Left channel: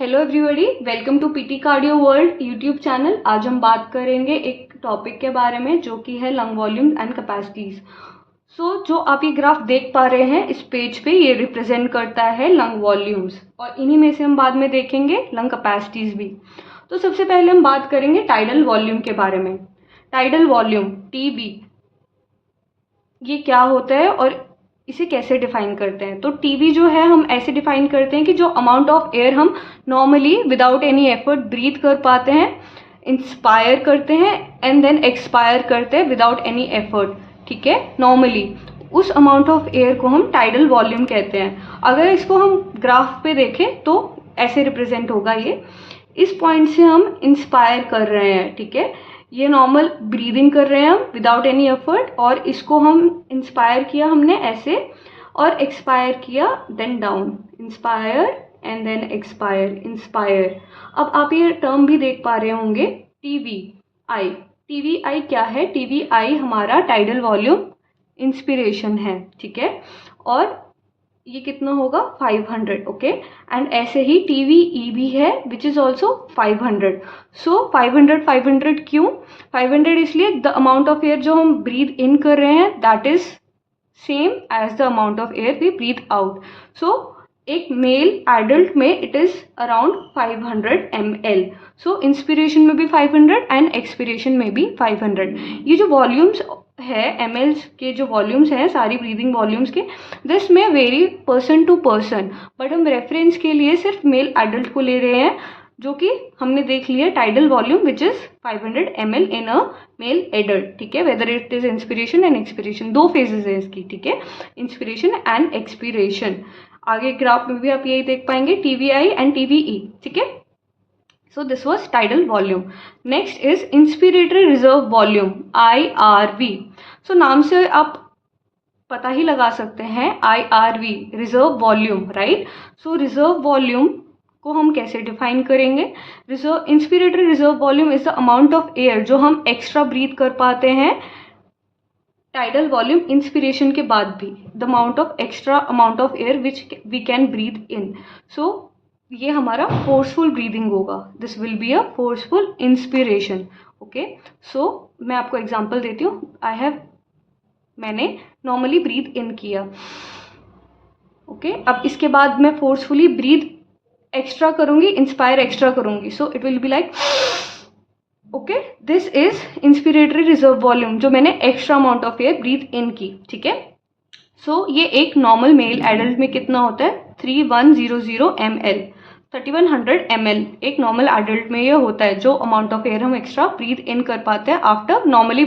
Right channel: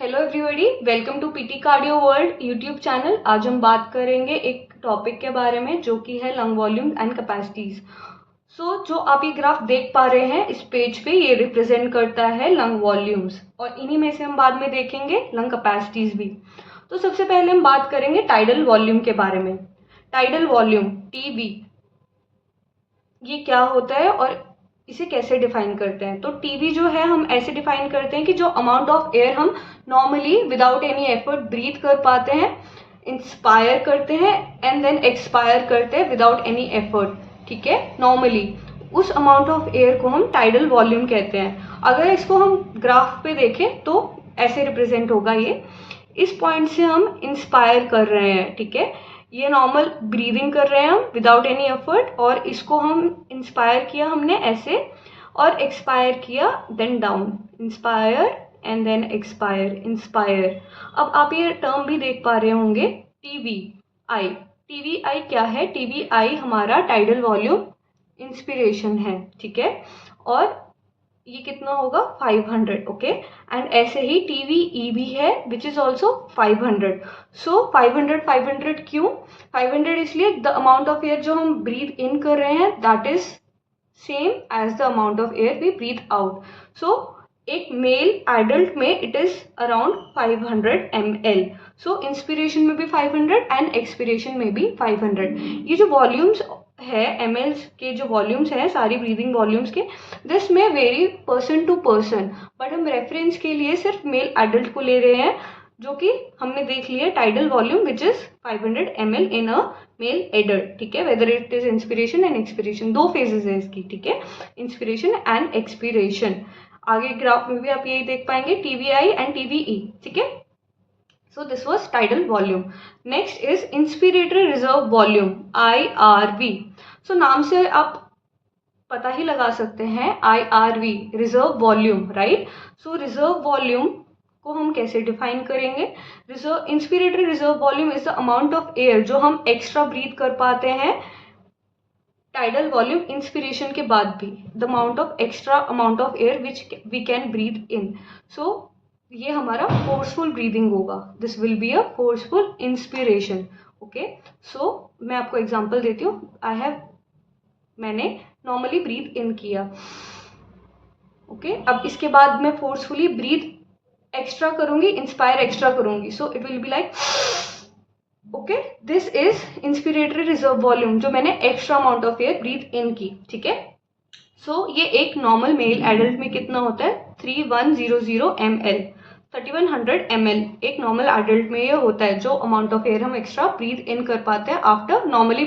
Hello everybody, welcome to PT cardio world YouTube channel. आज हम बात करेंगे एक टॉपिक के बारे में जो कि है लंग वॉल्यूम एंड कैपेसिटीज। जो आप ये ग्राफ देख पा रहे हैं इस पेज पे, ये रिप्रेजेंट करता है लंग वॉल्यूम्स और इन्हीं में से हम बाद में देखेंगे लंग कैपेसिटीज भी। तो सबसे पहले हम बात करेंगे टाइडल वॉल्यूम के बारे में। टाइडल वॉल्यूम टीवी, ये क्या होता है और इसे कैसे डिफाइन करते हैं। तो टीवी जो है हम ऐसे डिफाइन करते हैं कि जो अमाउंट ऑफ एयर हम normally without any effort breathe कर पाते हैं, इंस्पायर करते हैं एंड देन एक्सपायर करते हैं विदाउट एनी एफर्ट, ठीक है, नॉर्मली उस अमाउंट ऑफ एयर को हम टाइडल वॉल्यूम कहते हैं। अगर इसको हम ग्राफ पे देखें तो ऐसे रिप्रेजेंट होगा। ये इस पॉइंट से हम इंस्पायर कर रहे हैं, ठीक है, ये नॉर्मल ब्रीदिंग कर रहे हैं हम विदाउट एनी एफर्ट, और इसको हम इंस्पायर किया हमने ऐसे और एक्सपायर किया then down, inspire and then expire, inspire. अब आप ये टर्म भी देख पा रहे होंगे टीवी आई। टीवी आई क्या है? टीवी आई हमारा टाइडल वॉल्यूम इंस्पिरेशन है, ठीक है, और ये कितना होगा 500, ओके। एंड ऐसे ही टीवी ई भी है विच इज ऑल्सो 500। सो 500 क्यों 500? इसलिए द अमाउंट ऑफ एयर जो हम ब्रीथ इन कर रहे हैं that is same as the amount of air we breathe out. So एक मेल एडल्ट में it is around 500 ml। So inspiration में भी 500 एंड एक्सपिरेशन में भी 500। ये जो वॉल्यूम्स है ml के, जो वॉल्यूम्स हैं सारी ब्रीदिंग वॉल्यूम्स के, दिस में vary person to person, but हम रेफरेंस के लिए सिर्फ मेल एडल्ट को ले रहे हैं, जो कि हमने देख लिया tidal volume which is 500 ml in a male adult, ठीक है। Whether it is inspiration and expiration, दो फेजेस है इसकी, ठीक है, इंस्पिरेशन एंड एक्सपिरेशन। आगे ग्राफ में भी आप यही देख पाएंगे टीवीआई एंड टीवीई, ठीक है। So this was tidal volume. Next is inspiratory reserve volume, IRV. So नाम से आप पता ही लगा सकते हैं IRV, रिजर्व वॉल्यूम, राइट। सो रिजर्व वॉल्यूम को हम कैसे डिफाइन करेंगे? Inspiratory reserve volume is the amount of air जो हम एक्स्ट्रा ब्रीथ कर पाते हैं टाइडल वॉल्यूम इंस्पिरेशन के बाद भी, the amount of extra amount of air which we can breathe in. So ये हमारा फोर्सफुल ब्रीदिंग होगा, this will be a forceful inspiration, okay. So मैं आपको एग्जांपल देती हूँ। मैंने नॉर्मली ब्रीथ इन किया, ओके, अब इसके बाद मैं फोर्सफुली ब्रीथ एक्स्ट्रा करूंगी, इंस्पायर एक्स्ट्रा करूंगी, so it will be like, okay, this is inspiratory reserve volume जो मैंने extra amount of air breathe in की, ठीक है। सो ये एक नॉर्मल मेल एडल्ट में कितना होता है 3100 ml, 3100 ml एक नॉर्मल एडल्ट में ये होता है, जो अमाउंट ऑफ एयर हम एक्स्ट्रा ब्रीथ इन कर पाते हैं after normally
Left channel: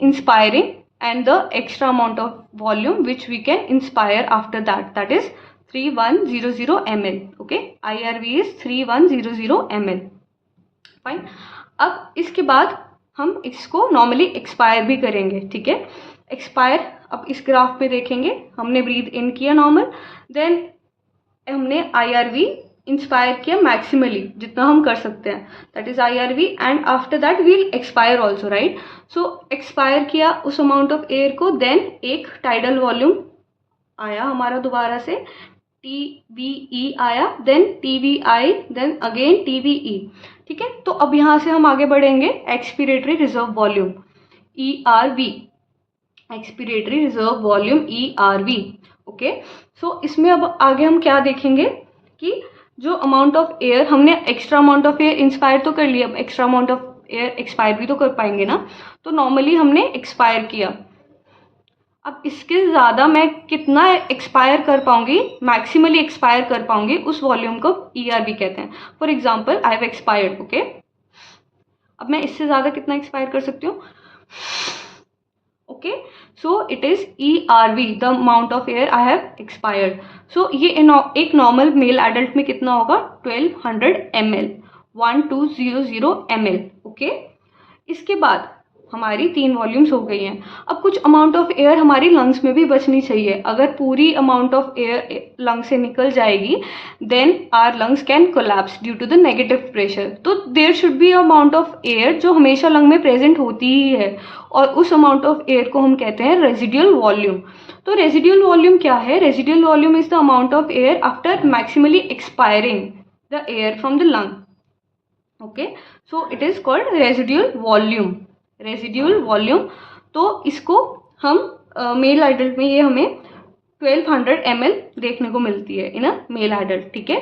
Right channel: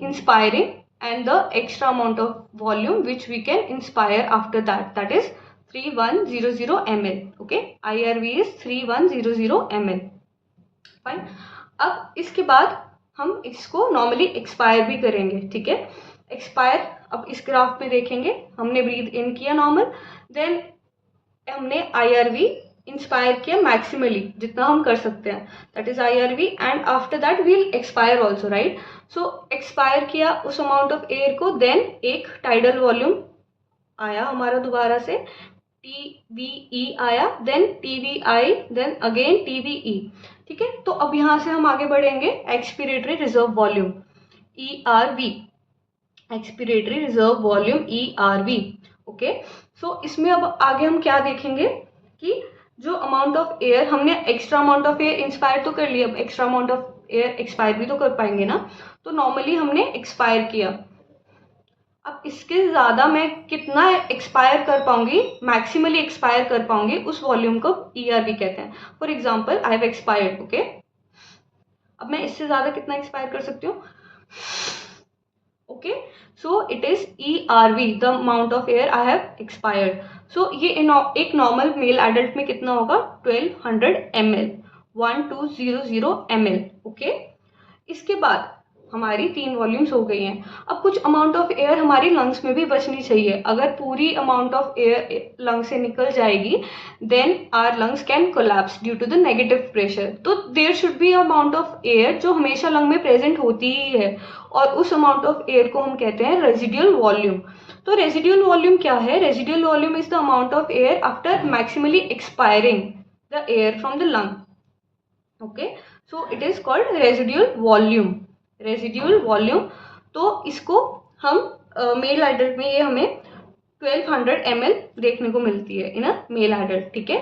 inspiring and the extra amount of volume which we can inspire after that is 3100 ml, okay. IRV is 3100 ml, fine. अब इसके बाद हम इसको नॉर्मली एक्सपायर भी करेंगे, ठीक है। एक्सपायर अब इस ग्राफ पे देखेंगे, हमने ब्रीथ इन किया नॉर्मल, देन हमने IRV इंस्पायर किया मैक्सिमली जितना हम कर सकते हैं, that is IRV, and after that we'll expire also, right. So expire किया उस अमाउंट ऑफ एयर को, देन एक टाइडल वॉल्यूम आया हमारा दोबारा से, TVE आया, then TVI, then again TVE, ठीक है। तो अब यहाँ से हम आगे बढ़ेंगे expiratory reserve volume ERV, expiratory reserve volume ERV, okay. So इसमें अब आगे हम क्या देखेंगे कि जो अमाउंट ऑफ एयर हमने extra amount of air inspire तो कर लिया, अब extra amount of air expire भी तो कर पाएंगे ना। तो नॉर्मली हमने एक्सपायर किया, अब इसके ज़्यादा मैं कितना एक्सपायर कर पाऊंगी, मैक्सिमली एक्सपायर कर पाऊंगी, उस वॉल्यूम को ERV कहते हैं। For example I have expired, okay, अब मैं इससे ज़्यादा कितना एक्सपायर कर सकती हूँ, okay. So it is ERV, the amount of air I have expired. So ये एक नॉर्मल मेल एडल्ट में कितना होगा 1200 ml, 1200 ml, ओके। इसके बाद हमारी 3 वॉल्यूम्स हो गई हैं। अब कुछ अमाउंट ऑफ एयर हमारी लंग्स में भी बचनी चाहिए। अगर पूरी अमाउंट ऑफ एयर लंग से निकल जाएगी then our lungs can collapse due to the negative pressure. तो there should be amount of air जो हमेशा लंग में प्रेजेंट होती ही है, और उस अमाउंट ऑफ एयर को हम कहते हैं रेजिडुअल वॉल्यूम। तो रेजिडुअल वॉल्यूम क्या है? Residual volume is the amount of air after maximally expiring the air from the lung. Okay, so it is called residual volume. Residual volume. तो इसको हम मेल एडल्ट में ये हमें 1200 ml देखने को मिलती है इन अ मेल एडल्ट. ठीक है,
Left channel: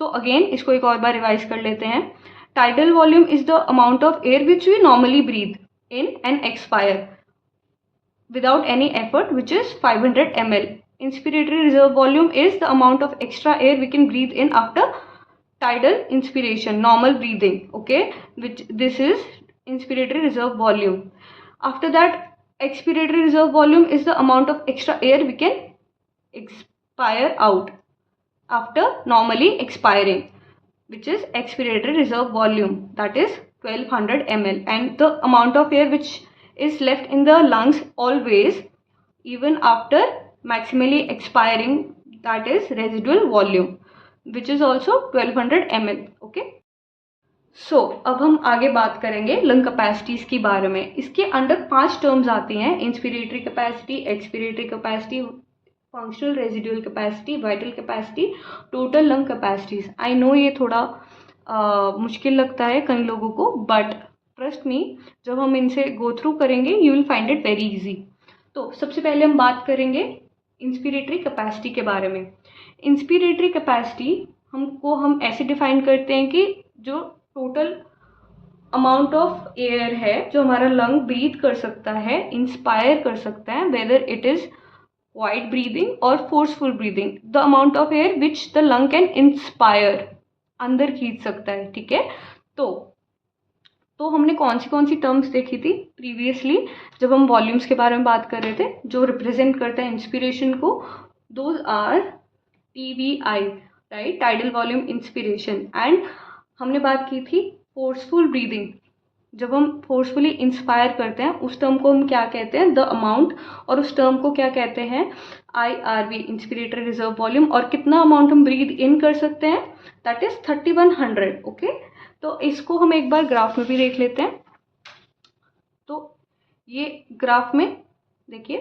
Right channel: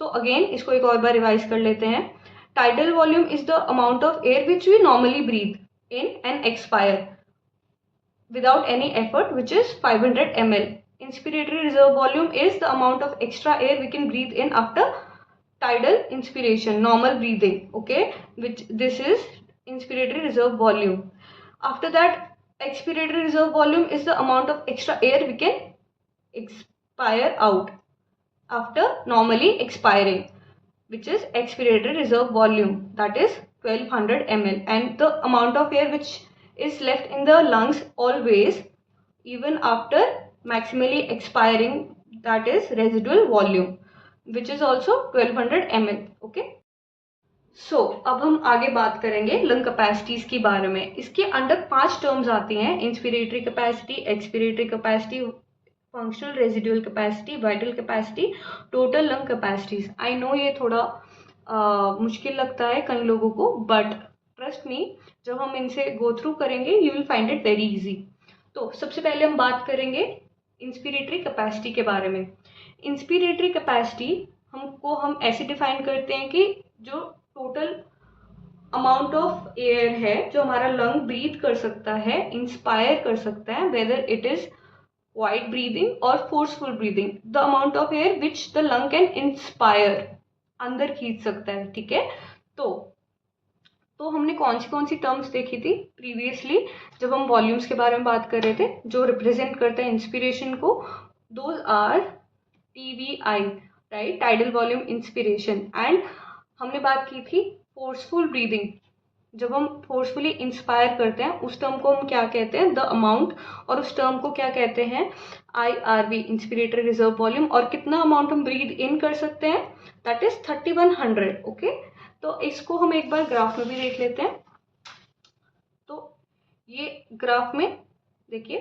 सो अगेन इसको एक और बार रिवाइज कर लेते हैं. Tidal volume is the amount of air which we normally breathe in and expire without any effort, which is 500 ml. Inspiratory reserve volume is the amount of extra air we can breathe in after tidal inspiration, normal breathing. Okay, which this is inspiratory reserve volume. After that, expiratory reserve volume is the amount of extra air we can expire out after normally expiring, which is expiratory reserve volume, that is 1200 ml. And the amount of air which is left in the lungs always even after maximally expiring, that is residual volume, which is also 1200 ml. Okay, सो अब हम आगे बात करेंगे lung capacities के बारे में. इसके under 5 terms आती हैं: inspiratory capacity, expiratory capacity, functional residual capacity, vital capacity, total lung capacities. I know ये थोड़ा मुश्किल लगता है कई लोगों को, बट ट्रस्ट मी, जब हम इनसे गो थ्रू करेंगे you will find it very easy. तो सबसे पहले हम बात करेंगे इंस्पिरेटरी कैपेसिटी के बारे में. इंस्पिरेटरी कैपेसिटी हम ऐसे डिफाइन करते हैं कि जो टोटल अमाउंट ऑफ एयर है जो हमारा लंग ब्रीथ कर सकता है, इंस्पायर कर सकता है, whether it is wide breathing और forceful breathing, the amount of air which the lung can inspire, अंदर खींच सकता है. ठीक है, तो हमने कौन सी टर्म्स देखी थी प्रीवियसली जब हम वॉल्यूम्स के बारे में बात कर रहे थे जो रिप्रेजेंट करता है इंस्पिरेशन को. Those are TVI, right, tidal volume inspiration. And हमने बात की थी फोर्सफुल ब्रीदिंग. जब हम फोर्सफुली इंस्पायर करते हैं उस टर्म को हम क्या कहते हैं, द अमाउंट, और उस टर्म को क्या कहते हैं, IRV, इंस्पिरेटरी रिजर्व वॉल्यूम. और कितना अमाउंट हम ब्रीद इन कर सकते हैं, दैट इज 3100. ओके, तो इसको हम एक बार ग्राफ में भी देख लेते हैं. तो ये ग्राफ में देखिए,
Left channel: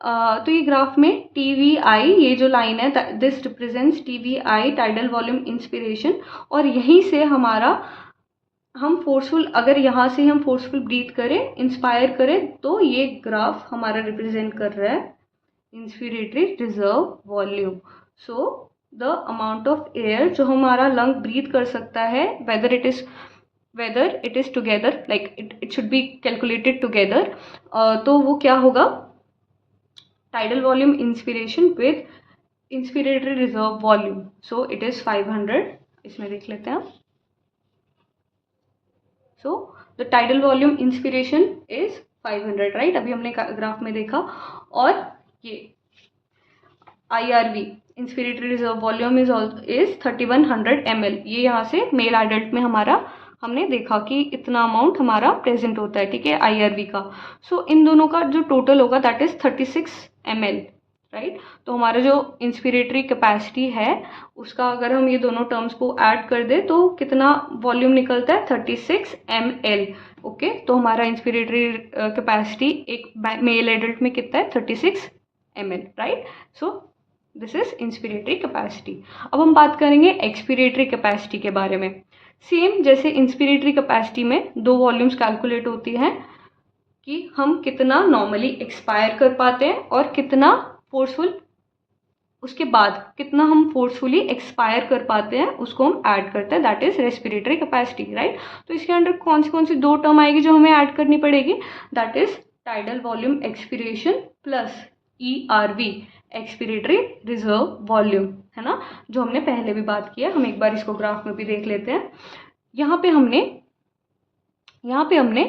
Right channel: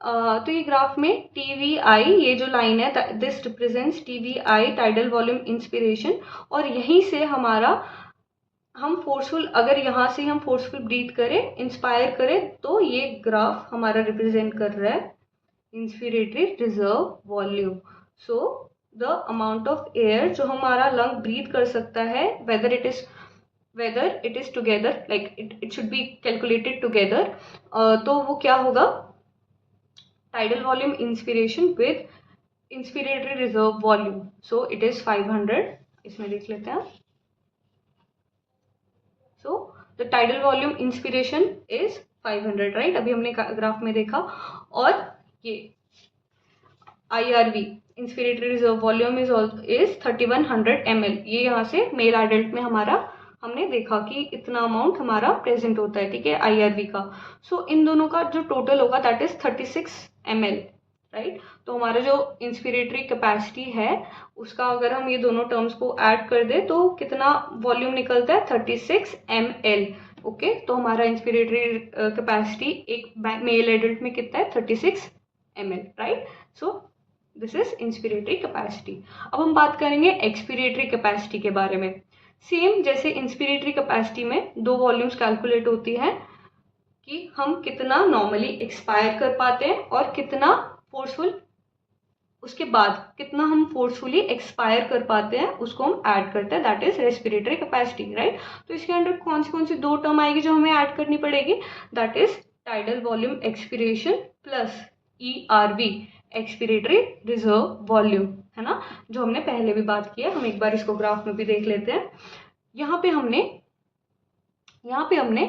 तो ये ग्राफ में TVI, ये जो लाइन है, this represents TVI, tidal volume inspiration. और यहीं से हमारा हम फोर्सफुल, अगर यहाँ से हम फोर्सफुल ब्रीथ करें, इंस्पायर करें, तो ये ग्राफ हमारा रिप्रेजेंट कर रहा है inspiratory reserve volume. So the amount of air जो हमारा लंग ब्रीथ कर सकता है, whether it is together, like it should be calculated together. तो वो क्या होगा, tidal volume inspiration with inspiratory reserve volume. So it is 500. इसमें देख लेते हैं. So the tidal volume inspiration is 500, right, अभी हमने ग्राफ में देखा. और ये IRV, inspiratory reserve volume is 3100 ml. ये यहाँ से मेल एडल्ट में हमने देखा कि इतना अमाउंट हमारा प्रेजेंट होता है. ठीक है, IRV का. सो इन दोनों का जो टोटल होगा दैट इज 36 ml, राइट. तो हमारा जो इंस्पिरेटरी कैपेसिटी है उसका अगर हम ये दोनों टर्म्स को ऐड कर दे तो कितना वॉल्यूम निकलता है, 36 ml. ओके, तो हमारा इंस्पिरेटरी कैपेसिटी एक मेल एडल्ट में कितना है, 36 ml, right. So this is inspiratory capacity. अब हम बात करेंगे एक्सपिरेटरी कैपेसिटी के बारे में. सेम जैसे इंस्पिरेटरी कैपेसिटी में 2 वॉल्यूम्स कैलकुलेट होती हैं कि हम कितना नॉर्मली एक्सपायर कर पाते हैं और कितना फोर्सफुल, उसके बाद कितना हम फोर्सफुली एक्सपायर कर पाते हैं उसको हम ऐड करते हैं, that is respiratory capacity, right. तो इसके अंदर कौन सी 2 टर्म आएगी जो हमें ऐड करनी पड़ेगी, that is tidal volume expiration plus ERV, expiratory reserve volume, है ना, जो हमने पहले भी बात किया. हम एक बार इसको ग्राफ में भी देख लेते हैं. यहाँ पे हमने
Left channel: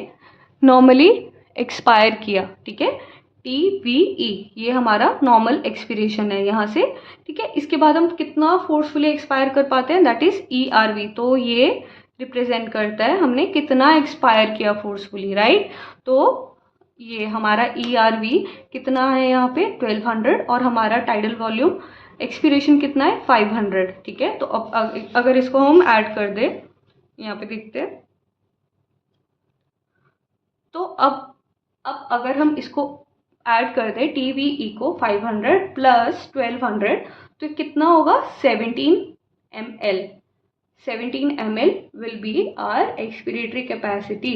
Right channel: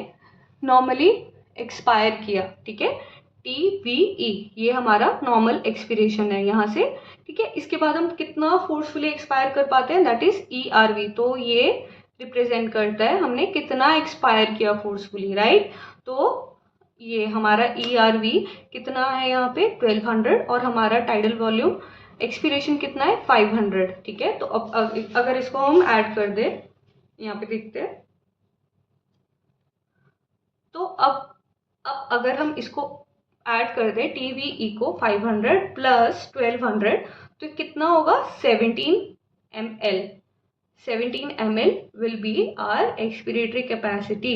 नॉर्मली एक्सपायर किया. ठीक है, TVE, ये हमारा नॉर्मल एक्सपिरेशन है यहाँ से. ठीक है, इसके बाद हम कितना फोर्सफुली एक्सपायर कर पाते हैं, दैट इज ERV. तो ये रिप्रेजेंट करता है हमने कितना एक्सपायर किया फोर्सफुली, राइट. तो ये हमारा ERV कितना है यहाँ पे, 1200, और हमारा टाइडल वॉल्यूम एक्सपिरेशन कितना है, 500. ठीक है, तो अब अगर इसको हम ऐड कर दे, यहाँ पे देखते हैं, तो अब अगर हम इसको ऐड कर दें TVE को 500 प्लस 1200, तो कितना होगा, 17 ml. 17 ml will be our expiratory capacity.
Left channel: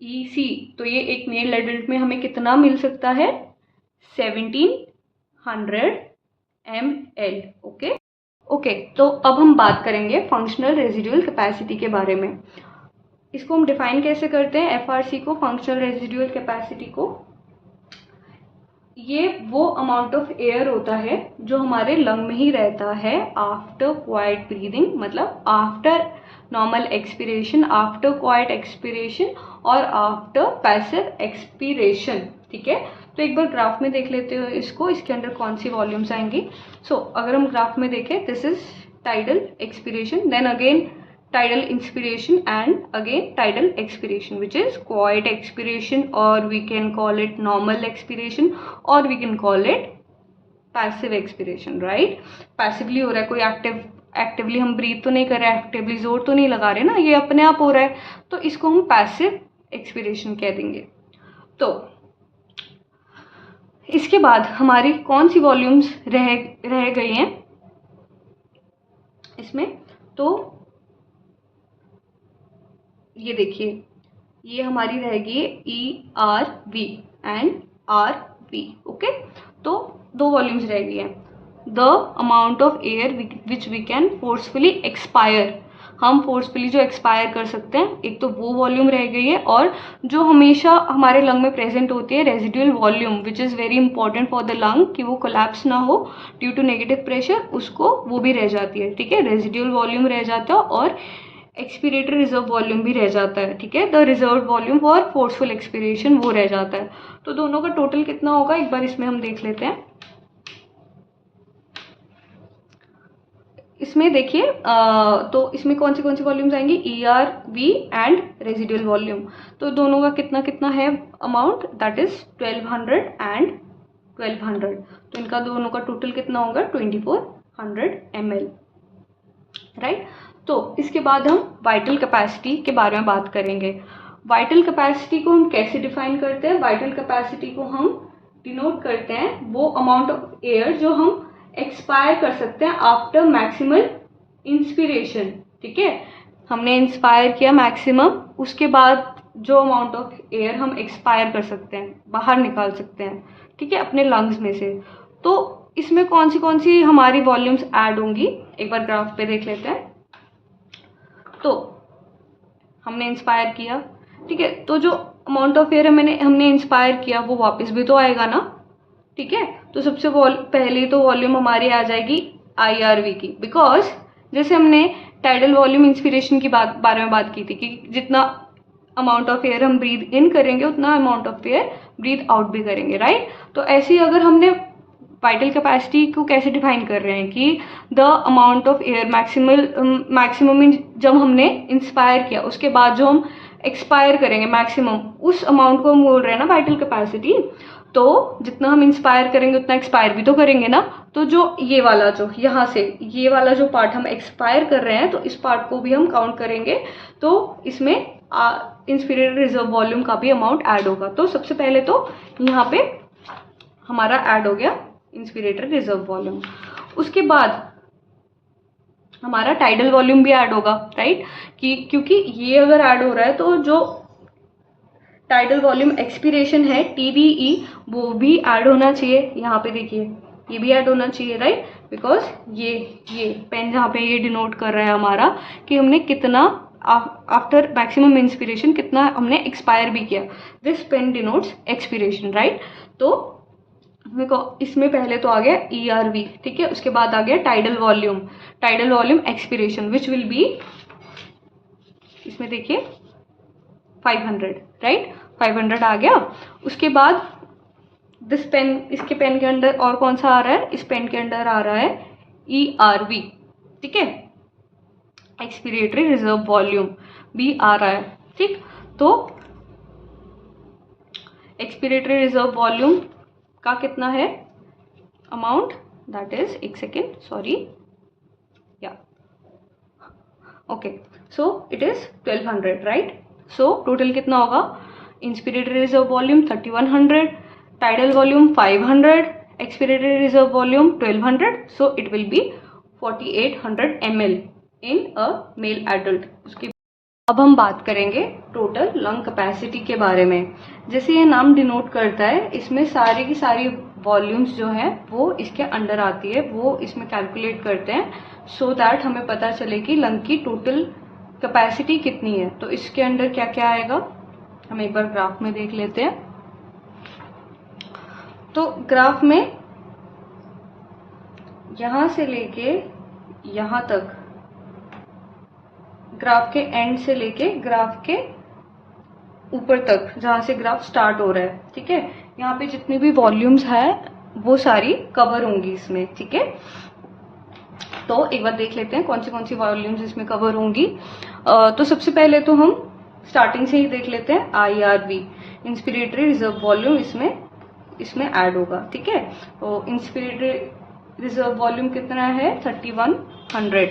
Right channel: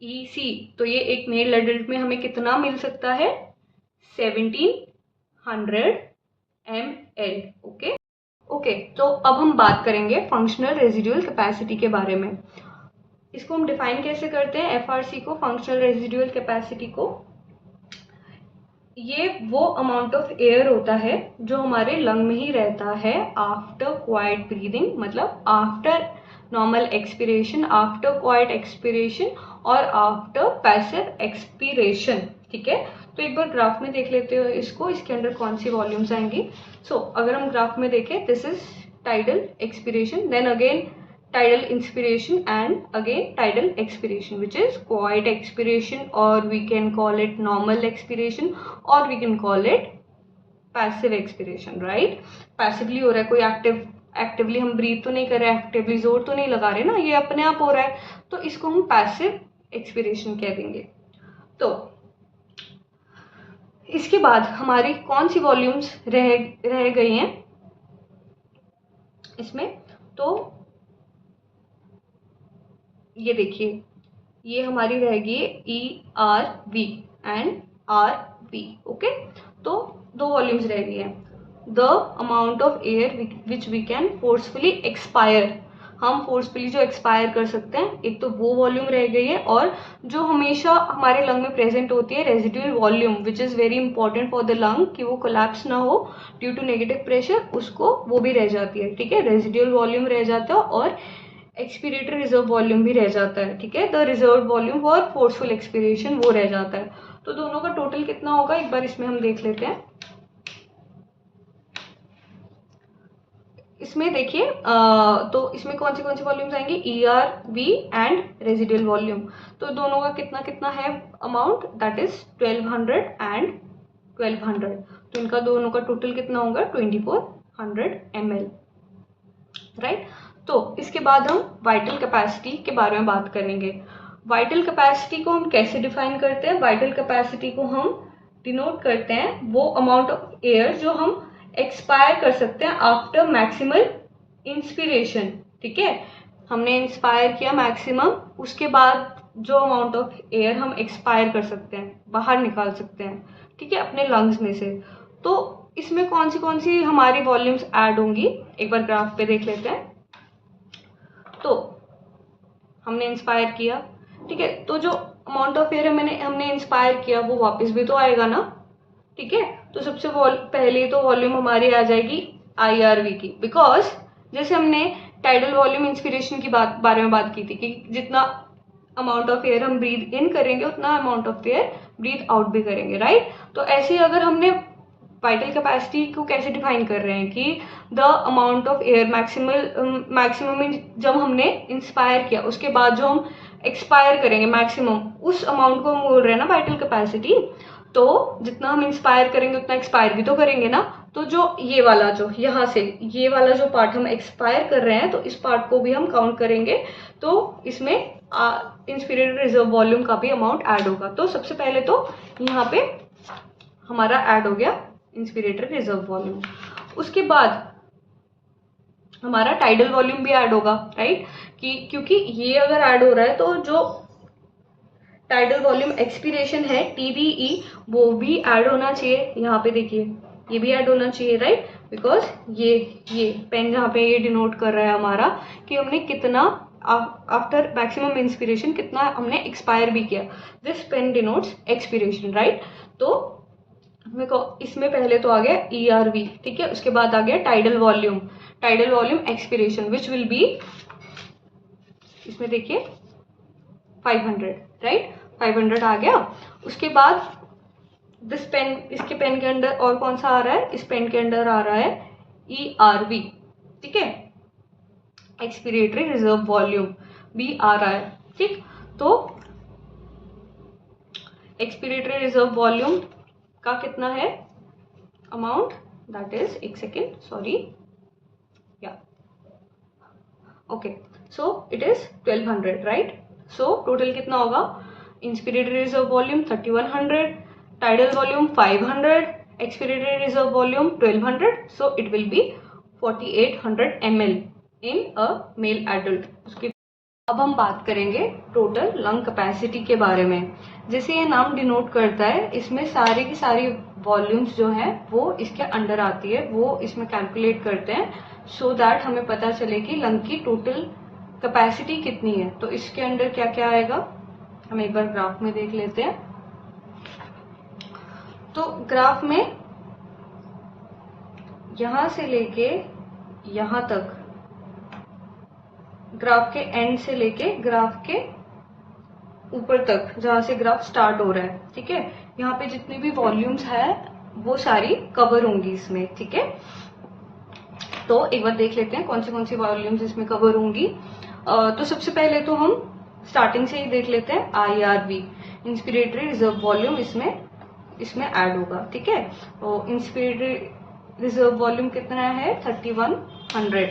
EC, तो ये एक मेल एडल्ट में हमें कितना मिल सकता है? 1700 ml. ओके, तो अब हम बात करेंगे फंक्शनल रेजिडुअल कैपेसिटी के बारे में. इसको हम डिफाइन कैसे करते हैं FRC को, फंक्शनल रेजिडुअल कैपेसिटी को? ये वो अमाउंट ऑफ एयर होता है जो हमारे लंग में ही रहता है आफ्टर क्वाइट ब्रीदिंग, मतलब after normal expiration, after quite expiration और आफ्टर पैसिव एक्सपिरेशन. ठीक है, तो एक बार ग्राफ में देख लेते हो इसको, इसके अंदर कौन सी वॉल्यूम्स आएंगी. सो अगर हम ग्राफ में देखें, this is tidal expiration, then again tidal inspiration and again tidal expiration, which is quiet expiration, or we can call it normal expiration, or we can call it passive expiration, right? passively हो रहा है, कोई actively हम breathe तो नहीं कर रहे, actively जोर तो नहीं लगा रहे ना, ये अपने आप हो रहा है, तो इसको हम पैसिव एक्सपिरेशन कह देंगे. तो इसके बाद हमारी कौन सी वॉल्यूम्स रह गई हैं इसमें? तो ये देखिए, ये हमारी रहेगी ERV एंड RV. ओके, तो दो वॉल्यूम्स रह गई हैं. The amount of air which we can forcefully expire, हम फोर्सफुली जो एक्सपायर कर सकते हैं, एक तो वो वॉल्यूम रह गई है. और जो हमेशा हमारे लंग में प्रेजेंट होती है residual volume, which is very important for the lung, कि वो कोलैप्स ना हो ड्यू टू नेगेटिव प्रेशर, उसको वो भी रह जाती है. ठीक है, रेजिडुअल वॉल्यूम रह जाता है और एक्सपीरेटरी रिजर्व वॉल्यूम भी रह जाता है. ठीक है, the reserve volume for forceful expiration वो रह जाता है. तो दोनों का टोटल कितना होगा एक बार इसमें हम देख लेते हैं. इसमें देखिए, तो इसमें कौन सी वॉल्यूम्स आएंगी? ERV and residual volume. तो दोनों का कितना है अमाउंट? That is 1200 and 1200. तो इनका दोनों का टोटल कितना होगा? 2400 ml, राइट. तो इसके बाद हम वाइटल कैपेसिटी के बारे में बात करेंगे. वाइटल कैपेसिटी को हम कैसे डिफाइन करते हैं? वाइटल कैपेसिटी को हम डिनोट करते हैं वो अमाउंट ऑफ एयर जो हम एक्सपायर कर सकते हैं आफ्टर मैक्सिमल इंस्पिरेशन. ठीक है, हमने इंस्पायर किया मैक्सिमम, उसके बाद जो अमाउंट ऑफ एयर हम एक्सपायर कर सकते हैं, बाहर निकाल सकते हैं. ठीक है, अपने लंग्स में से. तो इसमें कौन सी हमारी वॉल्यूम्स ऐड होंगी एक बार ग्राफ पे देख लेते हैं. तो हमने इंस्पायर किया, ठीक है, तो जो अमाउंट ऑफ एयर हमने इंस्पायर किया वो वापस भी तो आएगा ना. ठीक है, तो सबसे पहले तो वॉल्यूम हमारी आ जाएगी IRV की, बिकॉज जैसे हमने टाइडल वॉल्यूम इंस्पिरेशन की बारे में बात की थी कि जितना अमाउंट ऑफ एयर हम ब्रीथ इन करेंगे उतना amount of air breathe out भी करेंगे, राइट. तो ऐसे ही अगर हमने वाइटल कैपेसिटी को कैसे डिफाइन कर रहे हैं कि the amount of air maximum जब हमने इंस्पायर किया उसके बाद जो हम एक्सपायर करेंगे मैक्सिमम, उस अमाउंट को हम बोल रहे हैं ना वाइटल कैपेसिटी. तो जितना हम इंस्पायर करेंगे उतना एक्सपायर भी तो करेंगे ना. तो जो ये वाला जो यहाँ से ये वाला जो पार्ट हम एक्सपायर कर रहे हैं, तो इस पार्ट को भी हम काउंट करेंगे. तो इसमें इंस्पिरेटरी रिजर्व वॉल्यूम का भी अमाउंट ऐड होगा. तो सबसे पहले तो यहाँ पे हमारा ऐड हो गया इंस्पिरेटरी रिजर्व वॉल्यूम. उसके बाद हमारा टाइडल वॉल्यूम भी ऐड होगा, राइट. क्योंकि ये अगर ऐड हो रहा है तो जो टाइडल वॉल्यूम एक्सपिरेशन है TVE वो भी ऐड होना चाहिए. यहाँ पे देखिए ये भी ऐड होना चाहिए, राइट. बिकॉज ये पेन यहाँ पे ये डिनोट कर रहा है हमारा कि हमने कितना आफ्टर मैक्सिमम इंस्पिरेशन कितना हमने एक्सपायर भी किया. This pen denotes expiration, right. तो इसमें पहले तो आ गया ERV, ठीक है. उसके बाद आ गया tidal volume expiration which will be, इसमें देखिए 500, राइट. 500 आ गया. उसके बाद दिस पेन, इसके पेन के अंदर और कौन सा आ रहा है? इस पेन के अंदर आ रहा है ERV, ठीक है. एक्सपिरेटरी रिजर्व वॉल्यूम भी आ रहा है, ठीक. तो एक्सपिरेटरी रिजर्व वॉल्यूम का कितना है अमाउंट? दैट इज, एक सेकेंड, सॉरी, या okay. So it is 1200, right. So total कितना होगा? Inspiratory reserve volume 3100, tidal volume 500, expiratory reserve volume 1200. So it will be 4800 ml, in a male adult. उसके अब हम बात करेंगे टोटल लंग कैपेसिटी के बारे में। जैसे ये नाम डिनोट करता है, इसमें सारी की सारी वॉल्यूम्स जो है वो इसके अंडर आती है, वो इसमें कैलकुलेट करते हैं सो दैट हमें पता चले कि लंग की टोटल कैपेसिटी कितनी है। तो इसके अंडर क्या क्या आएगा हम एक बार ग्राफ में देख लेते हैं। तो ग्राफ में यहां से लेके यहां तक, ग्राफ के एंड से लेके ग्राफ के ऊपर तक जहां से ग्राफ स्टार्ट हो रहा है, ठीक है, यहाँ पे जितनी भी वॉल्यूम्स है वो सारी कवर होंगी इसमें, ठीक है। तो एक बार देख लेते हैं कौन सी वॉल्यूम्स इसमें कवर होंगी। तो सबसे पहले तो हम स्टार्टिंग से ही देख लेते हैं। IRV इंस्पिरेटरी रिजर्व वॉल्यूम इसमें ऐड होगा, ठीक है। तो इंस्पिरेटरी रिजर्व वॉल्यूम कितना है 3100।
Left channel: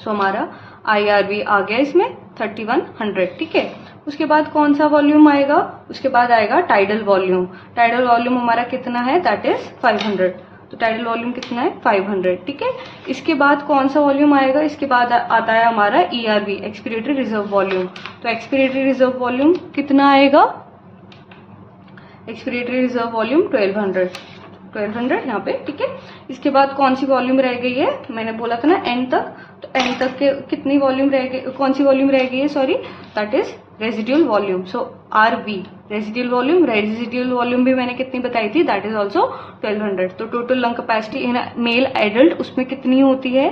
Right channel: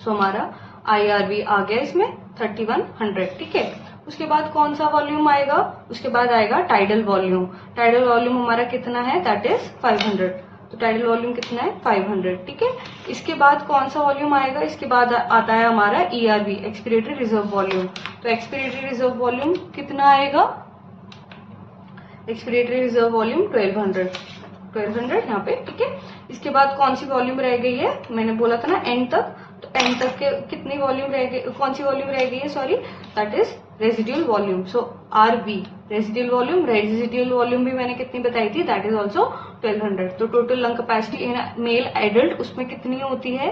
सो हमारा IRV आ गया इसमें 3100, ठीक है। उसके बाद कौन सा वॉल्यूम आएगा, उसके बाद आएगा टाइडल वॉल्यूम। टाइडल वॉल्यूम हमारा कितना है, दैट इज 500। तो टाइडल वॉल्यूम कितना है 500, ठीक है। इसके बाद कौन सा वॉल्यूम आएगा, इसके बाद आता है हमारा ERV एक्सपीरेटरी रिजर्व वॉल्यूम। तो एक्सपीरेटरी रिजर्व वॉल्यूम कितना आएगा, एक्सपीरेटरी रिजर्व वॉल्यूम 1200 यहाँ पे, ठीक है। इसके बाद कौन सी वॉल्यूम रह गई है, मैंने बोला था ना एंड तक, तो एंड तक के कितनी वॉल्यूम रह गई, कौन सी वॉल्यूम रह गई है, sorry, that is residual volume. So RV residual volume भी मैंने कितनी बताई थी, दैट इज ऑल्सो 1200। तो total lung capacity in male adult उसमें कितनी होती है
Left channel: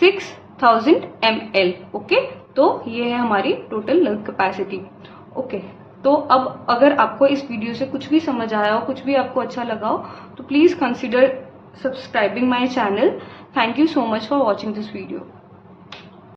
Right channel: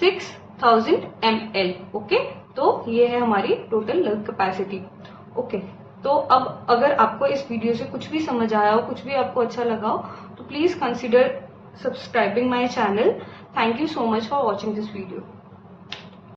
6000 ml, ओके। तो ये है हमारी टोटल लंग कैपेसिटी, ओके। तो अब अगर आपको इस वीडियो से कुछ भी समझ आया हो, कुछ भी आपको अच्छा लगा हो, तो please consider subscribing my channel. Thank you so much for watching this video.